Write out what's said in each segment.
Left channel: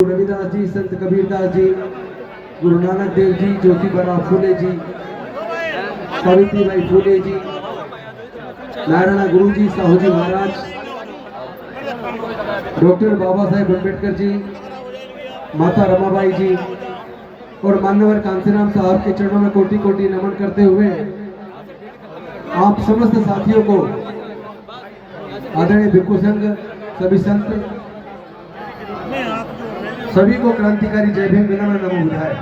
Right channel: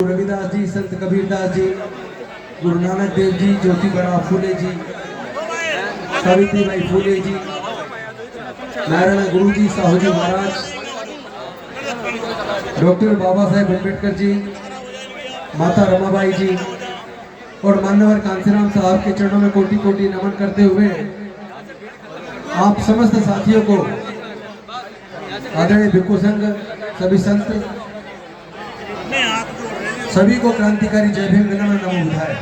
रविदास जी, संत कबीरदास जी, गुरु नानक देव जी, ज्योतिबा फूले जी, सावित्रीबाई फूले जी, नारायण गुरु जी, साहू जी महाराज, doctor Baba Saheb Ambedkar ji, माता रमाबाई जी और मान्यवर कांसीराम साहब के चरणों में कोटि कोटि नमन करते हुए आप समस्त साथियों को आदरणीय भिक्षु संघ, सभी संत, सभी को क्रांतिकारी जय भीम नमो बुधाए।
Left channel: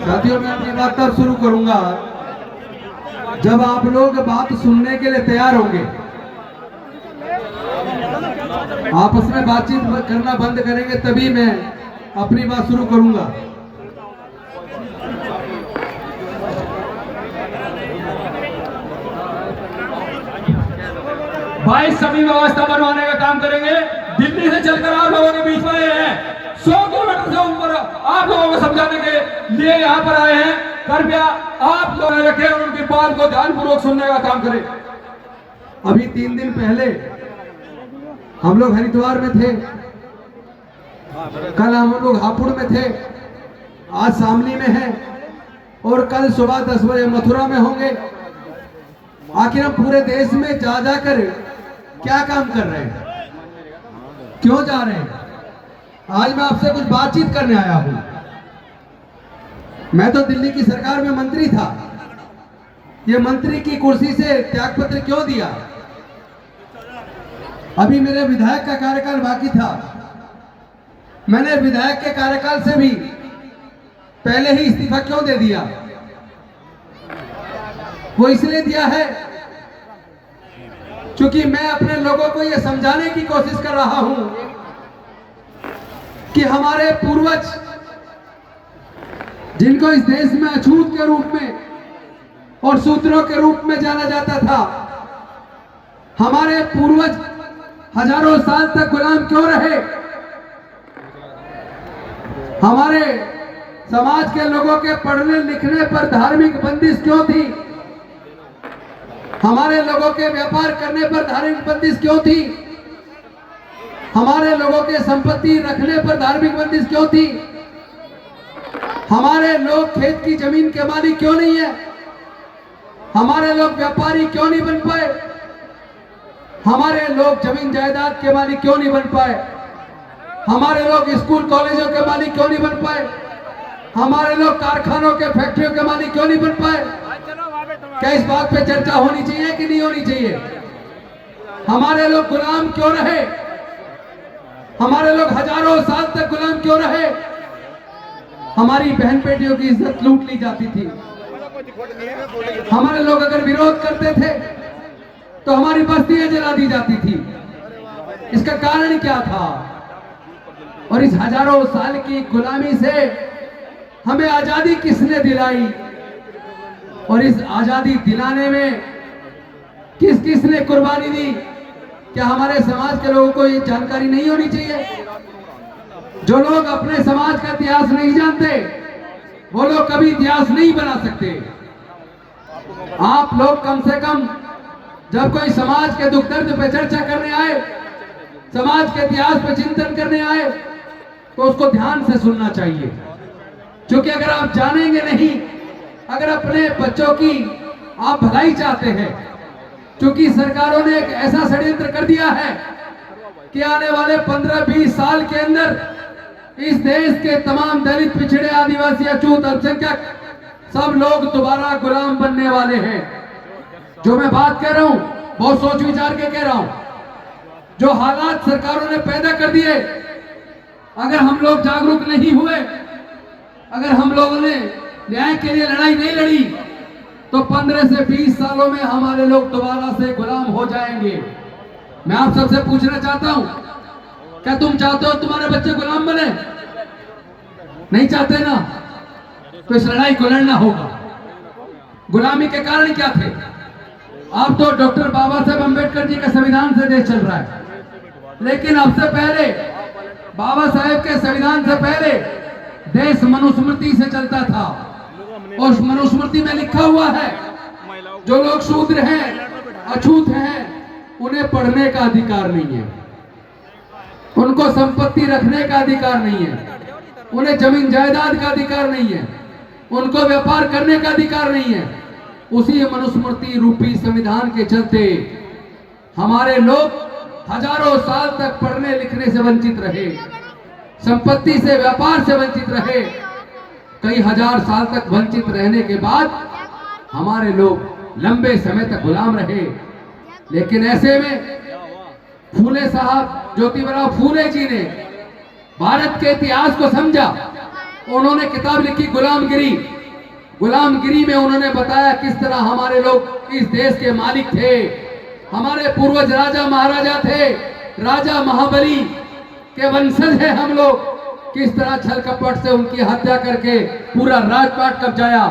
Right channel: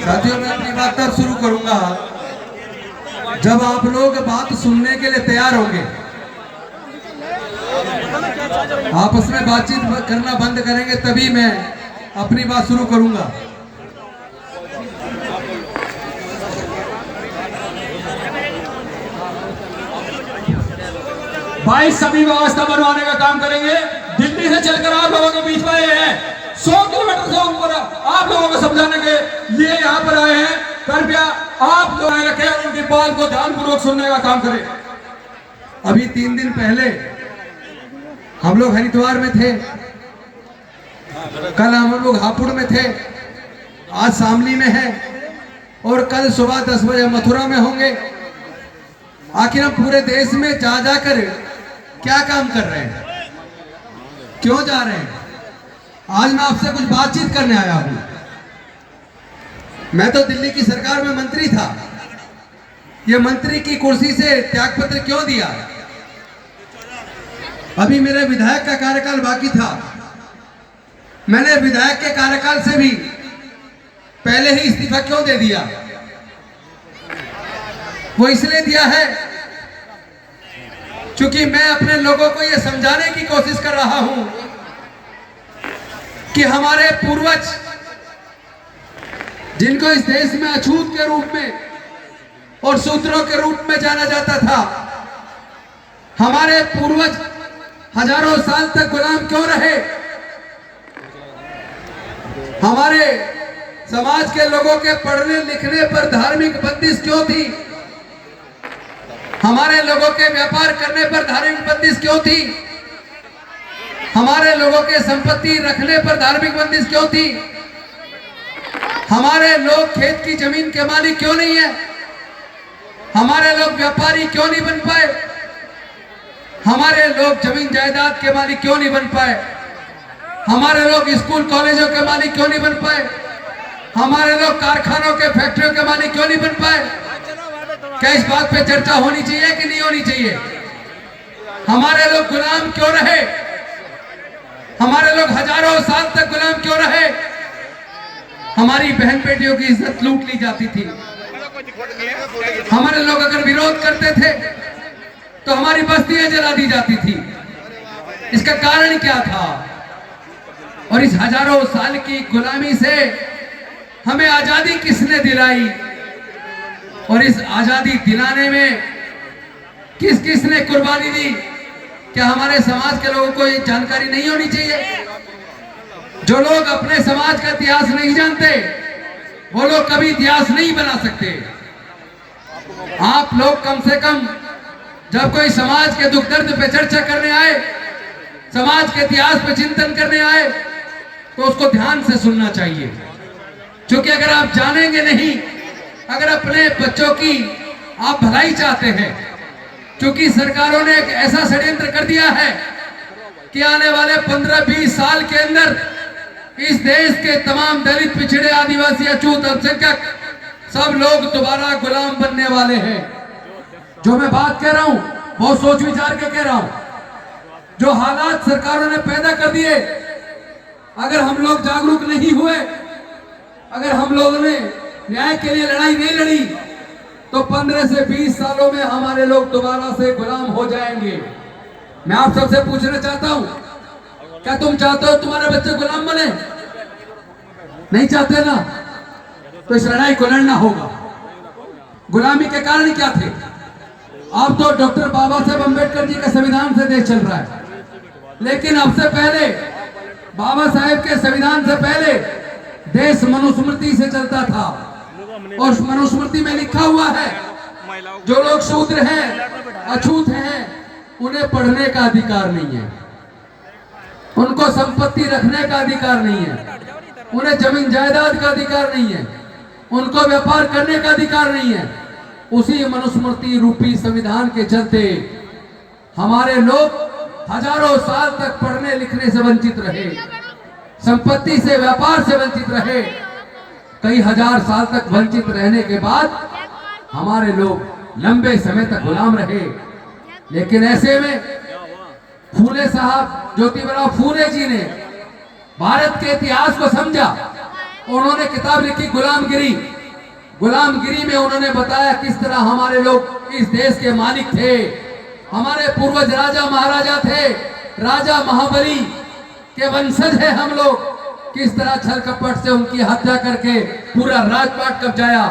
साथियों, मैं अपनी बात तब शुरू करूंगा जब आप लोग बात सुनने के लिए तैयार होंगे। आपस में बातचीत करना बंद करेंगे तभी मैं अपनी बात शुरू करूंगा। भाई सभी व्यवस्था बनवाने का काम करेंगे। दिल्ली से चलकर आप लोगों के बीच में आए हैं, 100 किलोमीटर से ऊपर आप लोगों को समझाने के लिए यहाँ पर आए हैं। कृपया आप लोग रखें और उनकी बात को ध्यानपूर्वक सुनने का काम करें। अभी 3 दिन पहले हम लोग हरिद्वार में थे, कल हम लोग हापुड़ में थे, आज शामली में हैं और कल सुबह 10 बजे मथुरा में होंगे। आखिर हम पूरे देश में जा जाकर क्या काम कर रहे हैं, क्यों जा रहे हैं? आज मैं आपसे कुछ बातचीत करने आया हूं। मैं तो दिल्ली की सरकार में मंत्री था, ये मंत्री की कुर्सी से त्यागपत्र क्यों दिया? अभी मेरे विधायक का कार्यकाल बाकी था, मैंने विधायक के कार्यकाल से भी पहले ही इस्तीफा क्यों दे दिया? वो इसलिए दिया है क्योंकि मैं अपने लोगों को यह समझाने की कोशिश कर रहा हूं कि हमारे पूर्वज, जिनको इस देश में अछूत के रूप में और सूत्रों के रूप में जाना जाता था, हमारे पूर्वज हजारों साल तक गुलाम क्यों रहे? हमारे समाज के लोगों के पढ़ने लिखने पर धार्मिक बंदिश क्यों थी? हमारे लोगों के व्यापार करने पर धार्मिक बंदिश क्यों थी? हमारे लोगों के संपत्ति रखने पर धार्मिक बंदिश क्यों थी? हमारे लोग खेत की जमीन के मालिक क्यों नहीं है? हमारे लोग व्यापारी क्यों नहीं बन पाए? हमारे लोग जमीन जायदाद के मालिक क्यों नहीं बन पाए? हमारे लोग स्कूल कॉलेजों के मालिक क्यों नहीं बन पाए? हमारे लोग कारखानों के, फैक्ट्रियों के मालिक क्यों नहीं बन पाए? क्या इस बात पे चर्चा होनी चाहिए कि नहीं होनी चाहिए? हमारे लोग गुलाम क्यों रहे? हमारे लोग हजारों साल तक गुलाम क्यों रहे? हमारी बहन बेटियों की इज्जत लूट ली जाती थी। हमारे लोग अगर विरोध करते थे तो हमारी बस्तियां जला दी जाती थी। इसका कारण क्या था? और इस हजारों साल की गुलामी से हमें आजादी किसने दिलाई? और इस आजादी दिलाने में किस किस ने कुर्बानी दी? क्या हमारे समाज के लोगों को ये जानकारी नहीं होनी चाहिए? जो लोग अपने समाज का इतिहास नहीं जानते वो लोग कभी इतिहास नहीं बना सकते। आप लोग कम से कम जब कोई समाज के दुख दर्द पे चर्चा करने आए, समाज के इतिहास पे चिंतन करने आए, तो उसको ध्यान से सुनना चाहिए। क्योंकि अगर आप जानेंगे नहीं, अगर अपने बच्चों की आप भलाई चाहते हैं, क्योंकि सरकारों ने एक ऐसा षड्यंत्र कर दिया है कि आने वाले 15-20 साल के अंदर इस देश के तमाम दलित, पिछड़े, आदिवासी, अछूत, अल्पसंख्यक सब लोग दोबारा गुलाम बनने वाले हैं। जो मैं बात कह रहा हूं बहुत सोच विचार के कह रहा हूं। जो हालात सरकारों ने पैदा कर दिए, अगर हम लोग जागरूक नहीं हुए, अगर हम लोगों ने न्याय के लिए लड़ाई नहीं लड़ी, तो 15 से 20 सालों में हमारे लोग दोबारा से गुलाम हो जाएंगे। मैं आप सबसे पूछना चाहता हूं, क्या तुम चाहते हो तुम्हारे बच्चे गुलाम बने? नहीं चाहते ना? तो इस लड़ाई को लड़ना होगा। गुलामी के कारण क्या थे? अब तो डॉक्टर बाबा साहेब अम्बेडकर जी के संविधान से देश चल रहा है, लेकिन अब से पहले, बाबा साहेब के संविधान से पहले देश मनुस्मृति से चलता था। और उस मनुस्मृति में लिखा हुआ है, जो लोग शूद्र हैं, अछूत हैं, उन्हें पढ़ने का अधिकार नहीं है। उनको संपत्ति रखने का अधिकार नहीं है, उन्हें जमीन जायदाद का अधिकार नहीं है, उनको व्यापार करने का अधिकार नहीं है। उसी मनुस्मृति रूपी संविधान के चलते हमारे लोग हजारों साल तक पढ़ने लिखने से वंचित रहे, संपत्ति से व्यापार से वंचित रहे। कई हजार साल तक वंचित रहने के बाद हमारे लोग लंबे समय तक गुलाम रहे। लेकिन ऐसे में फूले साहब, ज्योतिबराव फूले जी ने भारत के इतिहास को समझा। उन्होंने किताब लिखी गुलामगिरी। गुलामगिरी में उन्होंने बताया किस तरह हमारे लोग इस देश के मालिक थे, हमारे पूर्वज राजा महाराजा थे, राजा महाबली के वंशज है हम लोग। किस तरह छल कपट से उनकी हत्या करके पूरा राजपाट कब्जाया।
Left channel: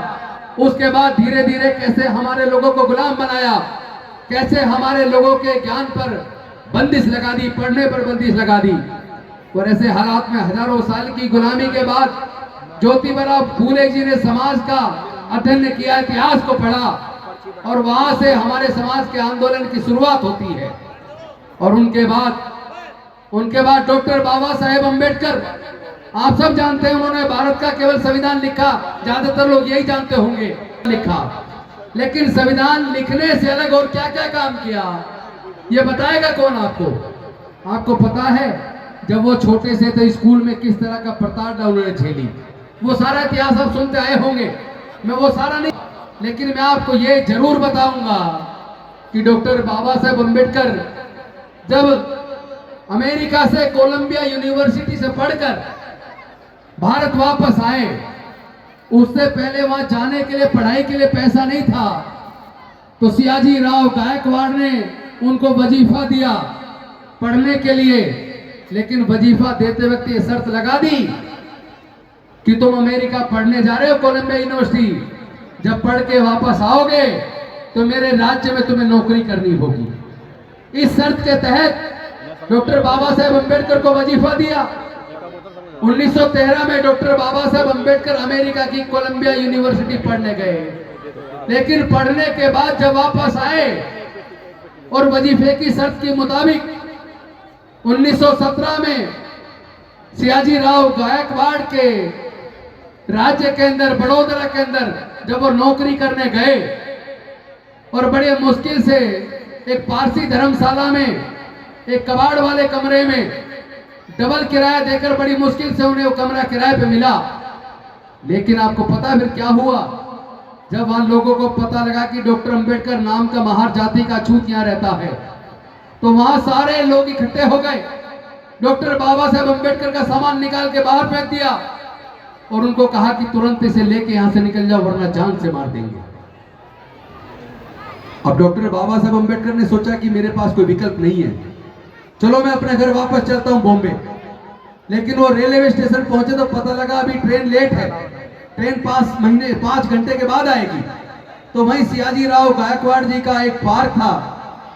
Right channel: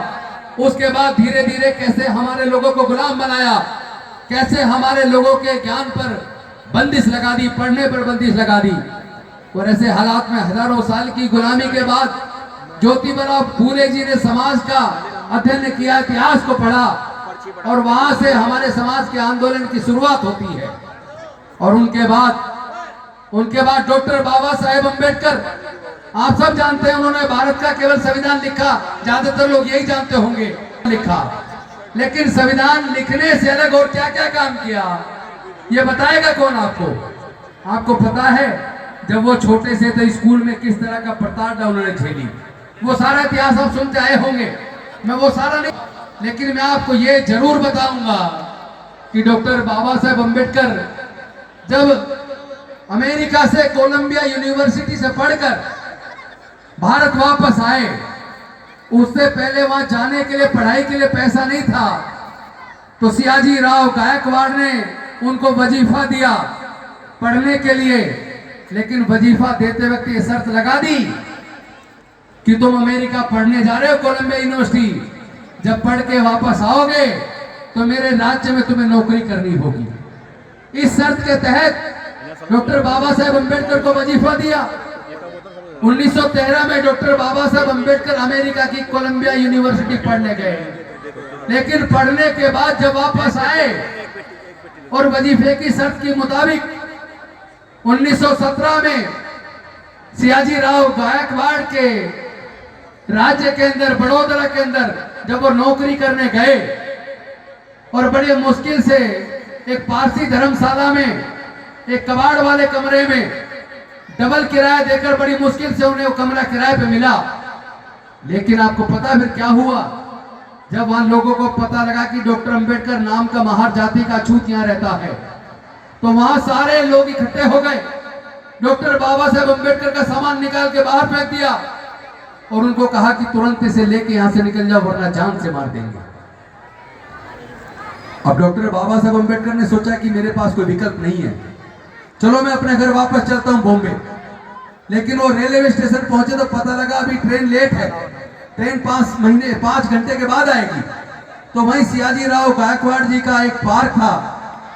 उसके बाद धीरे धीरे कैसे हमारे लोगों को गुलाम बनाया, कैसे हमारे लोगों के ज्ञान पर बंदिश लगा दी, पढ़ने पर बंदिश लगा दी। और ऐसे हालात में हजारों साल की गुलामी के बाद ज्योतिबराव फूले जी ने समाज का अध्ययन किया, इतिहास को पढ़ा, और वहां से हमारे समाज के आंदोलन की शुरुआत होती है। और उनके बाद डॉक्टर बाबा साहेब अम्बेडकर, आप सब जानते हैं, उन्होंने भारत का केवल संविधान लिखा, ज्यादातर लोग यही जानते होंगे, लिखा। लेकिन संविधान लिखने से अलग और क्या क्या काम किया, ये बताएगा कौन आपको? आपको पता है जब वो छोटे से थे स्कूल में किस तरह का प्रताड़ना उन्होंने झेली, वो सारा इतिहास आप सुनते आए होंगे, मैं वो सारा नहीं, लेकिन मैं आपको ये जरूर बताऊंगा कि डॉक्टर बाबा साहेब अम्बेडकर जब अमेरिका से कोलंबिया यूनिवर्सिटी से पढ़कर भारत वापस आए, उससे पहले वहां जाने के लिए, पढ़ाई के लिए पैसा नहीं था, तो सियाजी राव गायकवाड़ ने उनको वजीफा दिया पढ़ने के लिए। लेकिन वजीफा देते वक्त ये शर्त लगा दी कि तुम अमेरिका पढ़ने जा रहे हो, कोलंबिया यूनिवर्सिटी, जब पढ़ के वापस आओगे तो मेरे राज्य में तुम्हें नौकरी करनी होगी। इस शर्त के तहत डॉक्टर बाबा साहेब अम्बेडकर को वजीफा दिया। 1913 में डॉक्टर बाबा साहेब अम्बेडकर अमेरिका की कोलंबिया यूनिवर्सिटी पढ़ने गए। लेकिन पढ़ने के बाद जब वापस आए और वजीफे की शर्त के मुताबिक 1917 में सियाजी राव गायकवाड़ के राज्य के अंदर, बड़ौदा के अंदर जब वो नौकरी करने गए और बड़े मुश्किल से एक पारसी धर्मशाला में, एक कबाड़ वाले कमरे में डबल किराया देकर बड़ी मुश्किल से उन्हें वो कमरा किराए पे मिला। लेकिन आपको पता है फिर क्या हुआ? जब वहां लोगों को पता लगा कि डॉक्टर अंबेडकर नाम का महार जाति का छूत यहाँ रहता है, तो वहां सारे लोग इकट्ठे हो गए। डॉक्टर बाबा साहेब अम्बेडकर का सामान निकाल के बाहर फेंक दिया और उनको कहा कि तुरंत इसे लेके यहां से निकल जाओ वरना जान से मार देंगे। अब डॉक्टर बाबा साहेब अम्बेडकर ने सोचा कि मेरे पास कोई विकल्प नहीं है, चलो मैं अपने घर वापस चलता हूं बॉम्बे। लेकिन वो रेलवे स्टेशन पहुंचे तो पता लगा अभी ट्रेन लेट है, ट्रेन 5 घंटे के बाद आएगी। तो वहीं सियाजी राव गायकवाड़ जी का एक पार्क था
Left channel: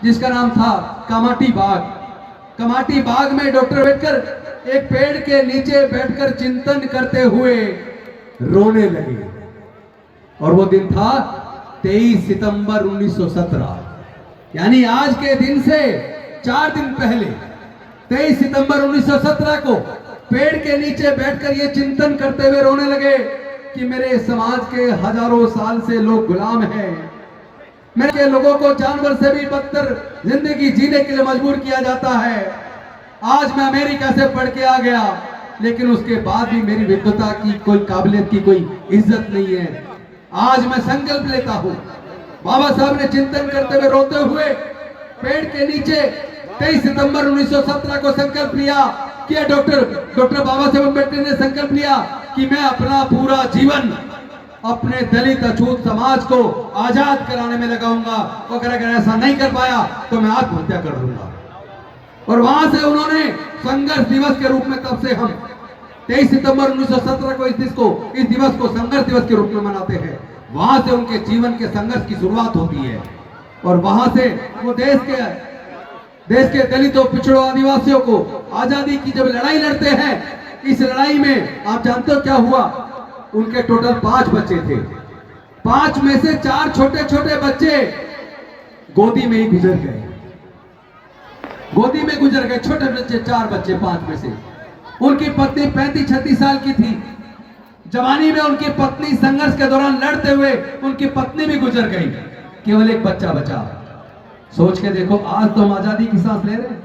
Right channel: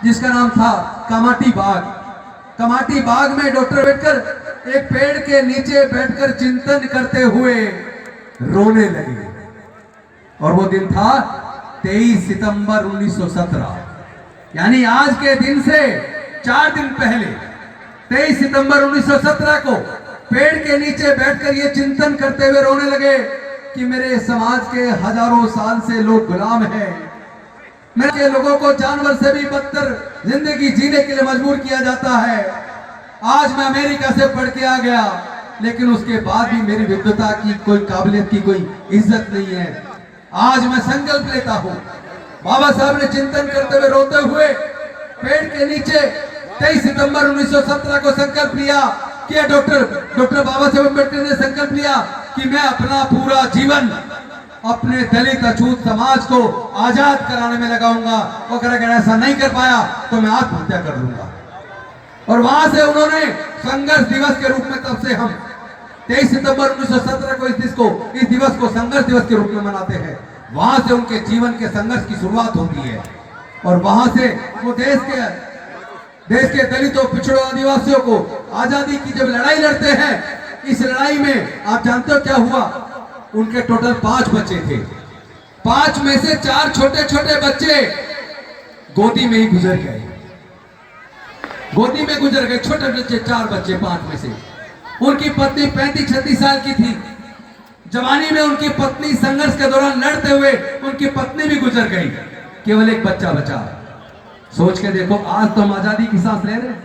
जिसका नाम था कामाटी बाग। कामाटी बाग में डॉक्टर अम्बेडकर एक पेड़ के नीचे बैठकर चिंतन करते हुए रोने लगे। और वो दिन था 23 सितंबर 1917, यानी आज के दिन से 4 दिन पहले 23 सितंबर 1917 को पेड़ के नीचे बैठकर ये चिंतन करते हुए रोने लगे कि मेरे समाज के हजारों साल से लोग गुलाम हैं, मेरे लोगों को जानवर से भी बदतर जिंदगी जीने के लिए मजबूर किया जाता है। आज मैं अमेरिका से पढ़ के आ गया, लेकिन उसके बाद भी मेरी विद्वता की कोई काबिलियत की कोई इज्जत नहीं है। आज मैं संकल्प लेता हूँ। बाबा साहब ने चिंतन करते हुए रोते हुए पेड़ के नीचे 23 सितंबर 1917 को संकल्प लिया कि डॉक्टर बाबा साहेब अम्बेडकर ने संकल्प लिया कि मैं अपना पूरा जीवन अपने दलित अछूत समाज को आजाद कराने में लगाऊंगा, और अगर ऐसा नहीं कर पाया तो मैं आत्महत्या कर लूंगा। और वहां से उन्होंने संघर्ष दिवस के रूप में, तब से हम 23 सितंबर 1917 को इस दिवस को संघर्ष दिवस के रूप में मनाते हैं। वहां से उनके जीवन के संघर्ष की शुरुआत होती है और वहां से वो देश के दलितों, पिछड़ों, आदिवासियों को आजादी की जब लड़ाई लड़ते हैं, इस लड़ाई में आप जानते हो क्या हुआ? उनके टोटल 5 बच्चे थे। 5 में से 4 छोटे छोटे बच्चे गोदी में ही गुजर गए। गोदी में गुजर गए, छोटे बच्चे, 4 बच्चे 5 में से। उनकी पत्नी 35-36 साल की थी। जवानी में उनकी पत्नी संघर्ष के दौरान लड़ते हुए उनकी पत्नी भी गुजर गई, केवल एक बच्चा बचा। सोच के देखो, आज तो हम आजादी की सांस ले रहे हैं।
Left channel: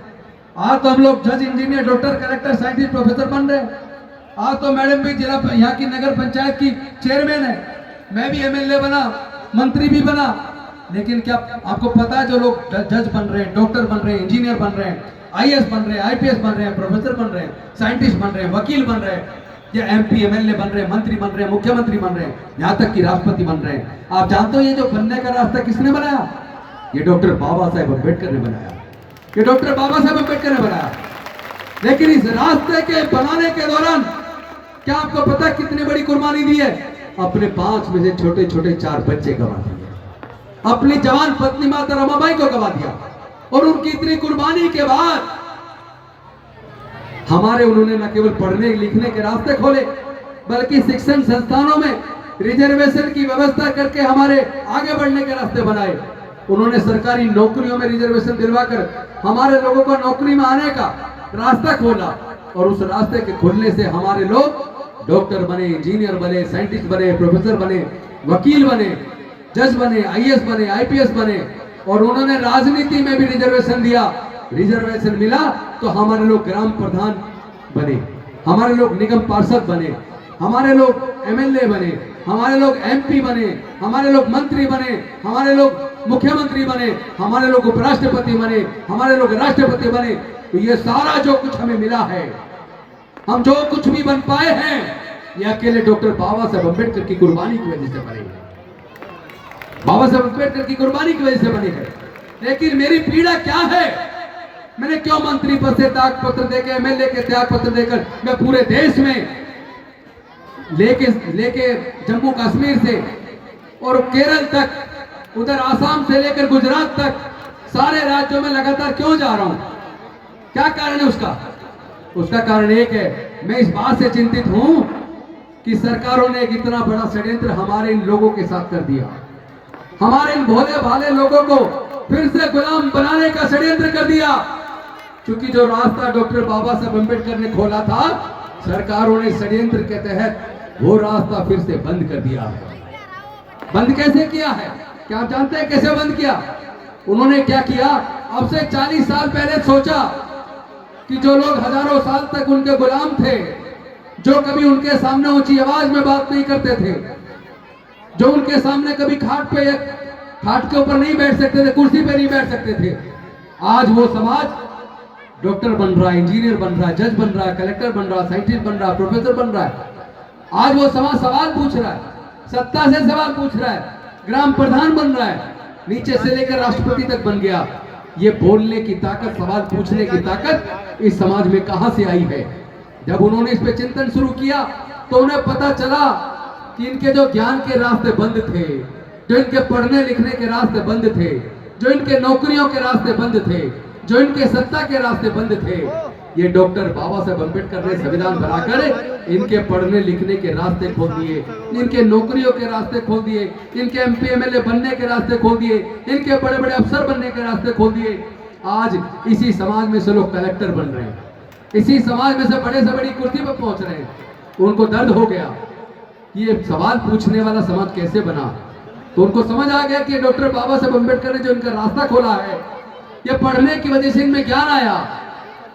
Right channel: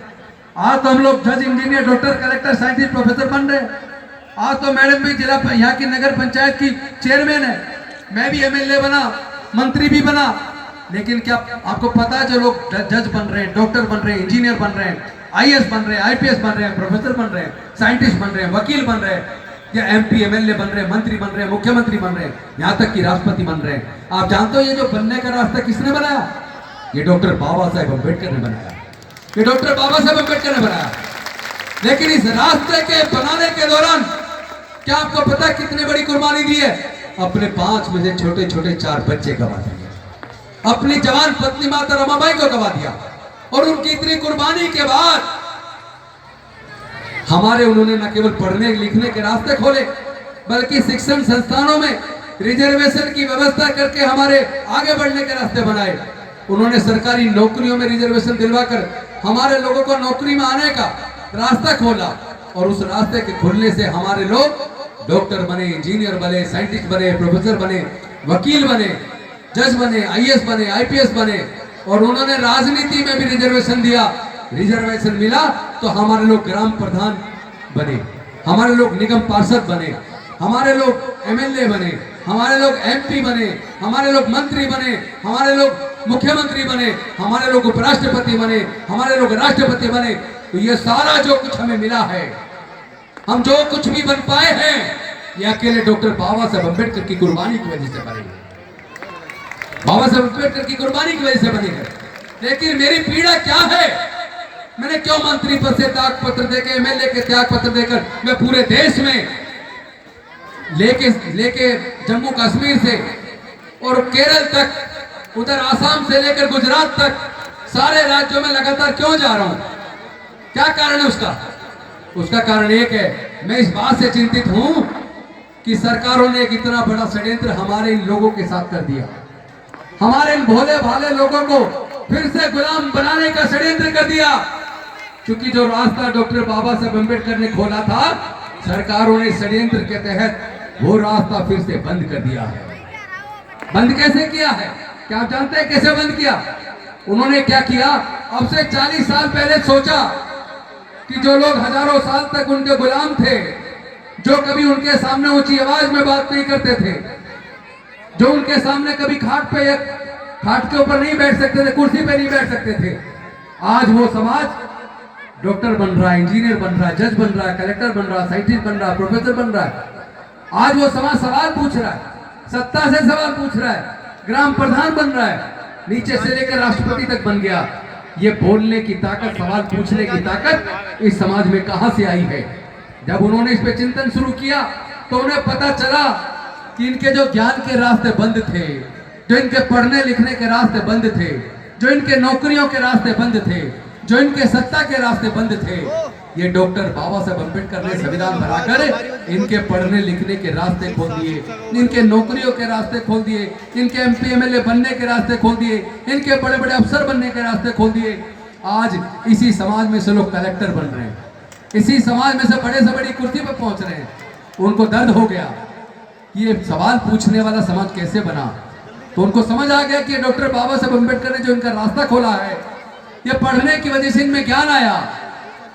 आज तो हम लोग जज, engineer, doctor, collector, scientist, professor बन रहे हैं। आज तो मैडम भी जिला यहाँ की नगर पंचायत की चेयरमैन है, मैं भी एमएलए बना, मंत्री भी बना। लेकिन क्या आपको पता है, जो लोग जज बन रहे हैं, डॉक्टर बन रहे हैं, इंजीनियर बन रहे हैं, आईएएस बन रहे हैं, आईपीएस बन रहे हैं, प्रोफेसर बन रहे हैं, साइंटिस्ट बन रहे हैं, वकील बन रहे हैं, या एमपी एमएलए बन रहे हैं, मंत्री बन रहे हैं, मुख्यमंत्री बन रहे हैं, यहाँ तक कि राष्ट्रपति बन रहे हैं। आप जानते हो ये जो बनने का रास्ता किसने बनाया? ये डॉक्टर बाबा साहेब अम्बेडकर ने बनाया। ये डॉक्टर बाबा साहेब अम्बेडकर ने बनाया। लेकिन इस रास्ते के बनाने के दौरान क्या आपको पता कितनी बड़ी कुर्बानी दी है? अपने 5 में से छोटे छोटे 4 बच्चे गवा दिए, अपनी जवान पत्नी माता रमाबाई को गवा दिया। और उनकी इतनी कुर्बानी के बाद उन्होंने न केवल पढ़ने लिखने के रास्ते खोले, बल्कि शिक्षण संस्थानों में रिजर्वेशन की व्यवस्था करके हमारे आगे बढ़ने के रास्ते बनाए। उन्होंने सरकारी नौकरियों में रिजर्वेशन दिलवाकर हमारे लोगों को नौकरी में आने का रास्ता खोला। और उस रास्ते के खुलने से हमारे लोग डॉक्टर बने, इंजीनियर बने, साइंटिस्ट बने, प्रोफेसर बने, वकील बने, जज बने, आईएएस बने, आईपीएस बने। और उन्होंने राजनीति में भी रिजर्वेशन दिया। रिजर्वेशन मिला तो हमारे लोग ग्राम प्रधान बने, हमारे लोग निगम पार्षद बने, हमारे लोग एमएलए बने, हमारे लोग एमपी बने, हमारे लोग मंत्री बने, हमारे लोग मुख्यमंत्री बने, हमारे लोग उपराष्ट्रपति बने, हमारे लोग राष्ट्रपति बने। तो ये सारा जो कुछ हमें मिला है, हम जो कुछ भी बन पाए हैं, ये अकेले डॉक्टर बाबा साहब अम्बेडकर की कुर्बानी की वजह से बने, बाबा साहब अम्बेडकर की कुर्बानी की वजह से बने हैं। लेकिन मेरी पीड़ा क्या है? मैंने क्यों मंत्री पद से त्याग पत्र देकर, एमएलए के त्याग पत्र देकर मैं पूरे देश में लेके जम्मू कश्मीर से और केरल तक, उधर आसाम से लेकर गुजरात तक सारे राज्यों में लगातार क्यों जा रहा हूं? क्या कारण है उसका? उसका कारण एक है, मैं इस बात से चिंतित हूं कि सरकारों ने एक इतना बड़ा षड्यंत्र हमारे इन लोगों के साथ कर दिया। हमारे इन भोले भाले लोगों को फिर से गुलाम बनाने का षड्यंत्र कर दिया। क्योंकि जो रास्ता डॉक्टर बाबा साहब अम्बेडकर ने खोला था, सरकारों ने षड्यंत्र के तहत वो रास्ता फिर से बंद कर दिया है। बंद कैसे किया है? क्या आप जानते हैं कैसे बंद किया? उन्होंने क्या किया? अब से 40 साल पहले सोचा कि जो लोग हजारों साल तक उनके गुलाम थे, जो कभी उनके सामने ऊंची आवाज में बात नहीं करते थे, जो उनके सामने कभी खाट के ऊपर नहीं बैठ सकते थे, कुर्सी पे नहीं बैठ सकते थे, आज वो समाज डॉक्टर बन रहा है, इंजीनियर बन रहा है, जज बन रहा है, कलेक्टर बन रहा है, साइंटिस्ट बन रहा है, प्रोफेसर बन रहा है। आज वो समाज सवाल पूछ रहा है, सत्ता से सवाल पूछ रहा है, ग्राम प्रधान बन रहा है, नीचे से लेकर राष्ट्रपति तक बन गया। ये बोलने की ताकत, सवाल पूछने की ताकत इस समाज में कहां से आई है? जब उन्होंने इस पे चिंतन शुरू किया तो उन्हें पता चला कि इनके जो ज्ञान के रास्ते बंद थे, जो इनके पढ़ने लिखने के रास्ते बंद थे, जो इनके नौकरियों के रास्ते बंद थे, जो इनके सत्ता के रास्ते बंद थे, ये डॉक्टर बाबा साहब अम्बेडकर ने संविधान बनाकर इनके पढ़ने लिखने के रास्ते खोल दिए, इनके नौकरियों के रास्ते खोल दिए, इनके एमपी एमएलए बनने के रास्ते खोल दिए, इनके बड़े बड़े अफसर बनने के रास्ते खोल दिए। आज इसी समाज में से लोग कलेक्टर बन रहे हैं, इसी समाज में से बड़े से बड़ी कुर्सी पर पहुंच रहे हैं। उनको दर्द हो गया कि ये सवाल पूछने वाला समाज कैसे बना। तो उनको समझ आ गया कि डॉक्टर बाबा साहब अम्बेडकर ने जो इनका रास्ता खोला है, ये पढ़ने की वजह से इनमें ज्ञान आया,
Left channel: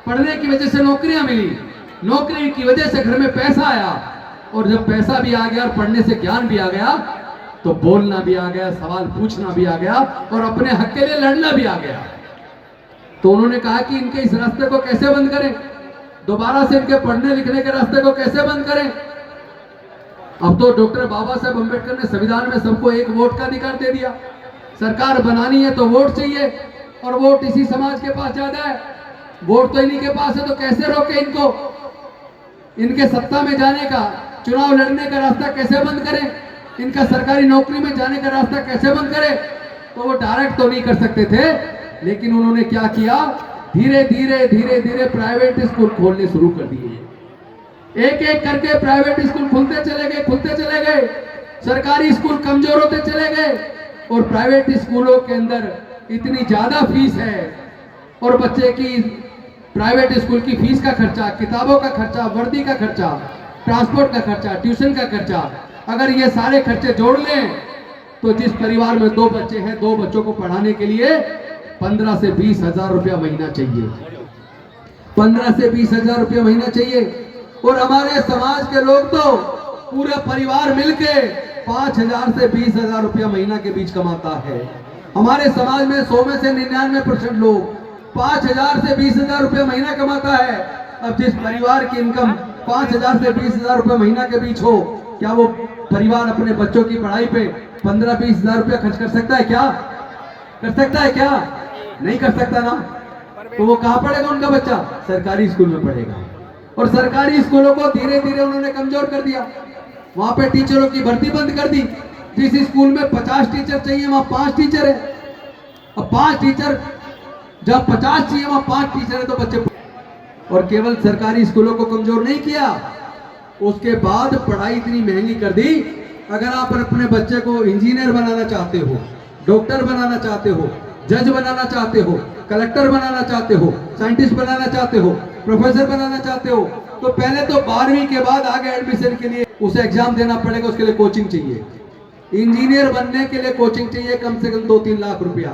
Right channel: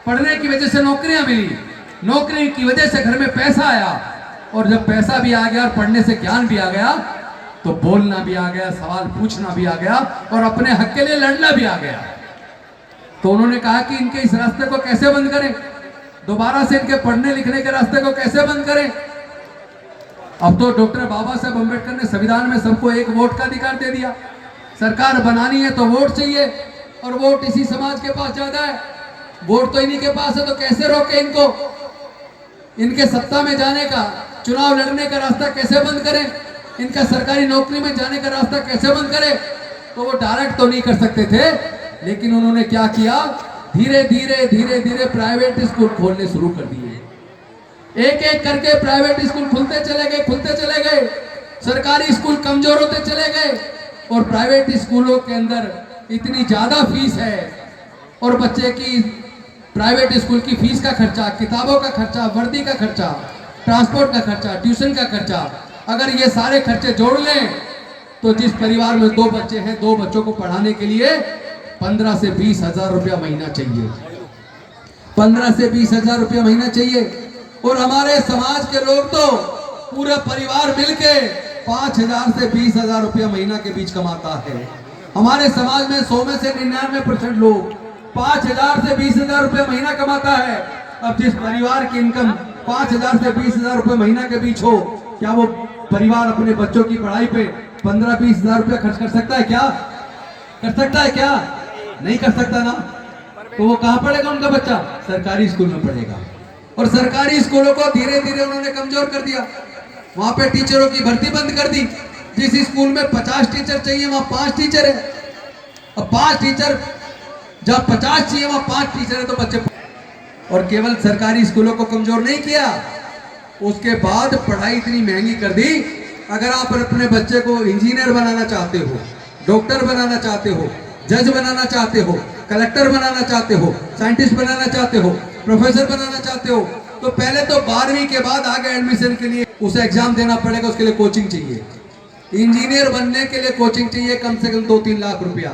पढ़ने की वजह से नौकरियां मिली, नौकरी की वजह से घर में पैसा आया, और जब पैसा भी आ गया और पढ़ने से ज्ञान भी आ गया तो बोलना भी आ गया, सवाल पूछना भी आ गया और अपने हक के लिए लड़ना भी आ गया। तो उन्होंने कहा कि इनके इस रास्ते को कैसे बंद करें, दोबारा से इनके पढ़ने लिखने के रास्ते को कैसे बंद करें। अब तो डॉक्टर बाबा साहब अम्बेडकर ने संविधान में सबको एक वोट का अधिकार दे दिया। सरकार बनानी है तो वोट चाहिए, और वोट इसी समाज के पास ज्यादा है, वोट तो इन्हीं के पास है। तो कैसे रोके इनको, इनके सत्ता में जाने का, चुनाव लड़ने का रास्ता कैसे बंद करें, इनका सरकारी नौकरी में जाने का रास्ता कैसे बंद करें। तो वो डायरेक्ट तो नहीं कर सकते थे, लेकिन उन्होंने क्या किया, धीरे धीरे प्राइवेट स्कूल खोलने शुरू कर दिए। एक एक करके प्राइवेट स्कूल खुलते चले गए, सरकारी स्कूल कमजोर होते चले गए, और प्राइवेट स्कूलों के अंदर इतनी ज्यादा फीस है और बच्चे की प्राइवेट स्कूल की फीस का खर्चा, किताबों का खर्चा, वर्दी का खर्चा, ट्रांसपोर्ट का खर्चा, ट्यूशन का खर्चा, अगर ये सारे खर्चे जोड़ लें तो जिस परिवार में 2 बच्चे हैं, 2 बच्चों को पढ़ाने के लिए 15 से 20 हजार रुपया महीना चाहिए। 15 से 20 हजार रुपया महीना चाहिए। और हमारे समाज के लोग तो पूरे परिवार मिलके 5,000 से 20,000 रुपया महीना के बीच कमाता है। हमारे समाज में 100 में से 99% लोग 5,000 से 20,000 रुपया महीना कमाता है। अब जिस परिवार की इनकम 5,000 से 20,000 रुपया महीना के बीच हो, क्या वो परिवार अपने बच्चों की पढ़ाई पे 15-20 हजार रुपया खर्च कर सकता है क्या? कर सकता है क्या? नहीं कर सकता ना। तो वो कहाँ पढ़ेगा उनका बच्चा? सरकारी स्कूल में पढ़ेगा। और सरकारी स्कूलों को धीरे धीरे उन्होंने कमजोर कर दिया। वहां पे टीचरों की भर्ती बंद कर दी। जिस स्कूल में 50 टीचर चाहिए वहां 5 टीचर है। अब 5 टीचर, जब 50 चाहिए वहां 5 टीचर है तो बच्चे। और केवल सरकारी स्कूलों को कमजोर नहीं किया, उसके बाद पढ़ाई इतनी महंगी कर दी। अगर आप अपने बच्चे को इंजीनियर बनाना चाहते हो, डॉक्टर बनाना चाहते हो, जज बनाना चाहते हो, कलेक्टर बनाना चाहते हो, साइंटिस्ट बनाना चाहते हो, प्रोफेसर बनाना चाहते हो, तो पहले तो 12वीं के बाद आगे एडमिशन के लिए उसे एग्जाम देना पड़ेगा। उसके लिए कोचिंग चाहिए। इंजीनियर बनने के लिए कोचिंग चाहिए कम से कम 2-3 लाख रुपया।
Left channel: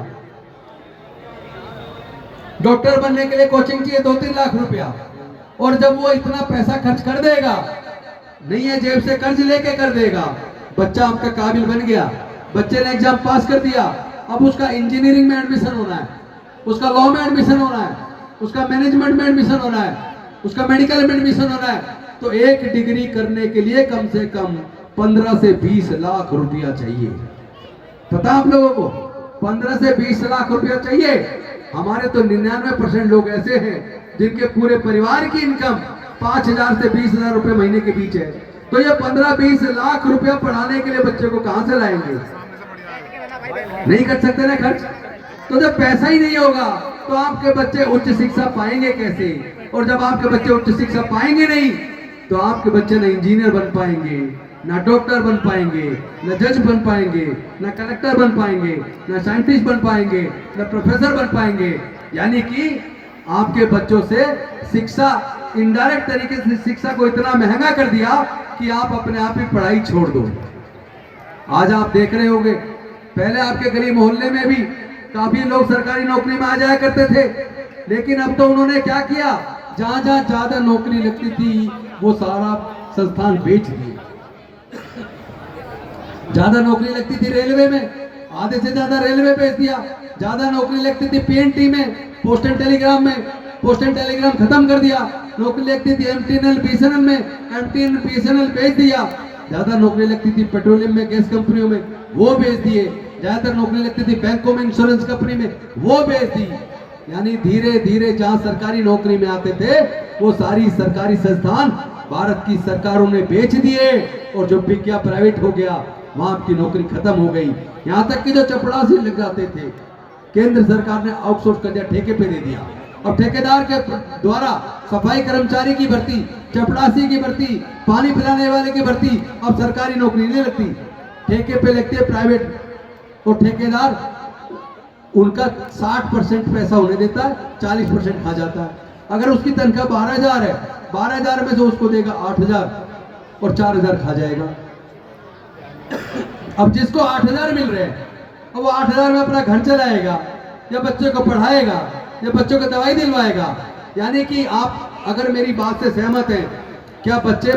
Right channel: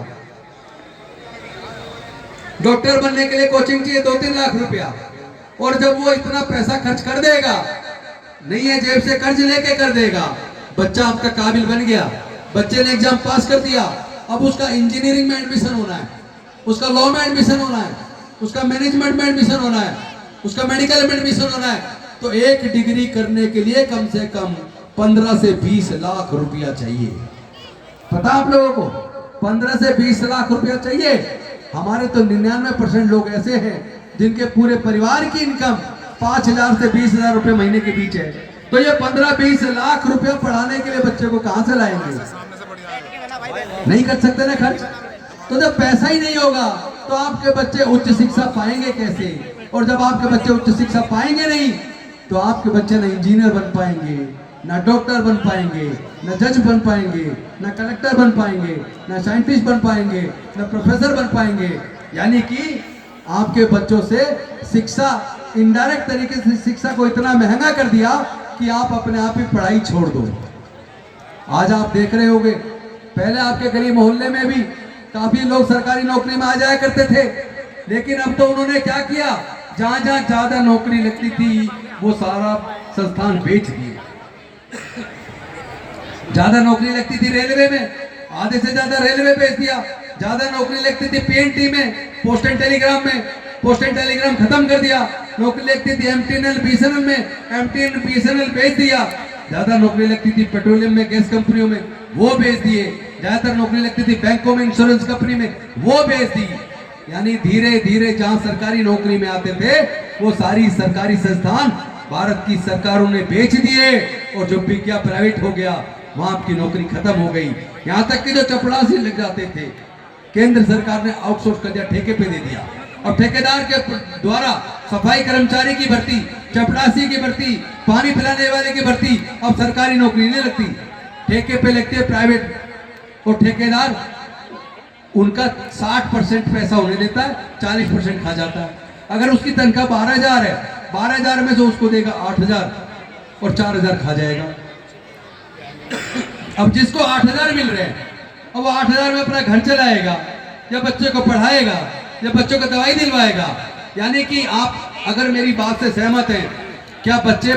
डॉक्टर बनने के लिए कोचिंग चाहिए 2-3 लाख रुपया। और जब वो इतना पैसा खर्च कर देगा, नहीं है जेब से कर्ज लेके कर देगा, बच्चा आपका काबिल बन गया, बच्चे ने एग्जाम पास कर दिया, अब उसका इंजीनियरिंग में एडमिशन होना है, उसका लॉ में एडमिशन होना है, उसका मैनेजमेंट में एडमिशन होना है, उसका मेडिकल में एडमिशन होना है, तो एक डिग्री करने के लिए कम से कम 15 से 20 लाख रुपया चाहिए। पता आप लोगों को? 15 से 20 लाख रुपया चाहिए। हमारे तो 99% लोग ऐसे हैं जिनके पूरे परिवार की इनकम 5,000 से 20,000 रुपए महीने के बीच है। तो ये 15-20 लाख रुपया पढ़ाने के लिए बच्चे को कहां से लाएंगे? नहीं कर सकते ना खर्च। तो जब पैसा ही नहीं होगा तो आपके बच्चे उच्च शिक्षा पाएंगे कैसे? और जब आपके बच्चे उच्च शिक्षा पाएंगे नहीं तो आपके बच्चे ना इंजीनियर बन पाएंगे, ना डॉक्टर बन पाएंगे, ना जज बन पाएंगे, ना कलेक्टर बन पाएंगे, ना साइंटिस्ट बन पाएंगे, ना प्रोफेसर बन पाएंगे। यानी कि आपके बच्चों से शिक्षा, इनडायरेक्ट तरीके से शिक्षा को इतना महंगा कर दिया कि आप अपने आप ही पढ़ाई छोड़ दो। आज आप देख रहे होंगे, पहले आपके गली मोहल्ले में भी काफी लोग सरकारी नौकरी में आ जाया करते थे, लेकिन अब तो उन्होंने क्या किया, जहां जहां ज्यादा नौकरी लगती थी वो सारा संस्थान बेच दिए। ज्यादा नौकरी लगती थी रेलवे में, आधे से ज्यादा रेलवे बेच दिया। ज्यादा नौकरी लगती थी पीएनटी में, पोस्ट एंड टेलीग्राम में, पोस्ट एंड टेलीग्राम खत्म कर दिया। नौकरी लगती थी एमटीएनएल बीएसएनएल में, एमटीएनएल बीएसएनएल बेच दिया। ज्यादा नौकरी लगती थी पेट्रोलियम में, गैस कंपनियों में, वो बेच दिए। ज्यादातर नौकरी लगती थी बैंकों में, इंश्योरेंस कंपनी में, वो बेच दी। यानी धीरे धीरे जहां सरकारी नौकरी में आते थे वो सारी सरकारी संस्थान भारत की सरकारों ने बेच दिए, और जो बिक गया, प्राइवेट हो गया, वहां आपकी नौकरी खत्म हो गई। यहां तक कि जो चपरासी लग जाते थे, केंद्र सरकार ने आउटसोर्स कर दिया, ठेके पे दे दिया। अब ठेकेदार के द्वारा सफाई कर्मचारी की भर्ती, चपरासी की भर्ती, पानी पिलाने वाले की भर्ती अब सरकारी नौकरी नहीं लगती, ठेके पे लगती है प्राइवेट। और ठेकेदार उनका 60% पैसा उन्हें देता है, 40% खा जाता है। अगर उसकी तनख्वाह 12,000 है, 12,000 में से उसको देगा 8,000 और 4,000 खा जाएगा। अब जिसको 8,000 मिल रहे हैं, अब वो 8,000 में अपना घर चलाएगा, या बच्चे को पढ़ाएगा, या बच्चों को दवाई दिलवाएगा। यानी कि आप अगर मेरी बात से सहमत हैं, क्या बच्चे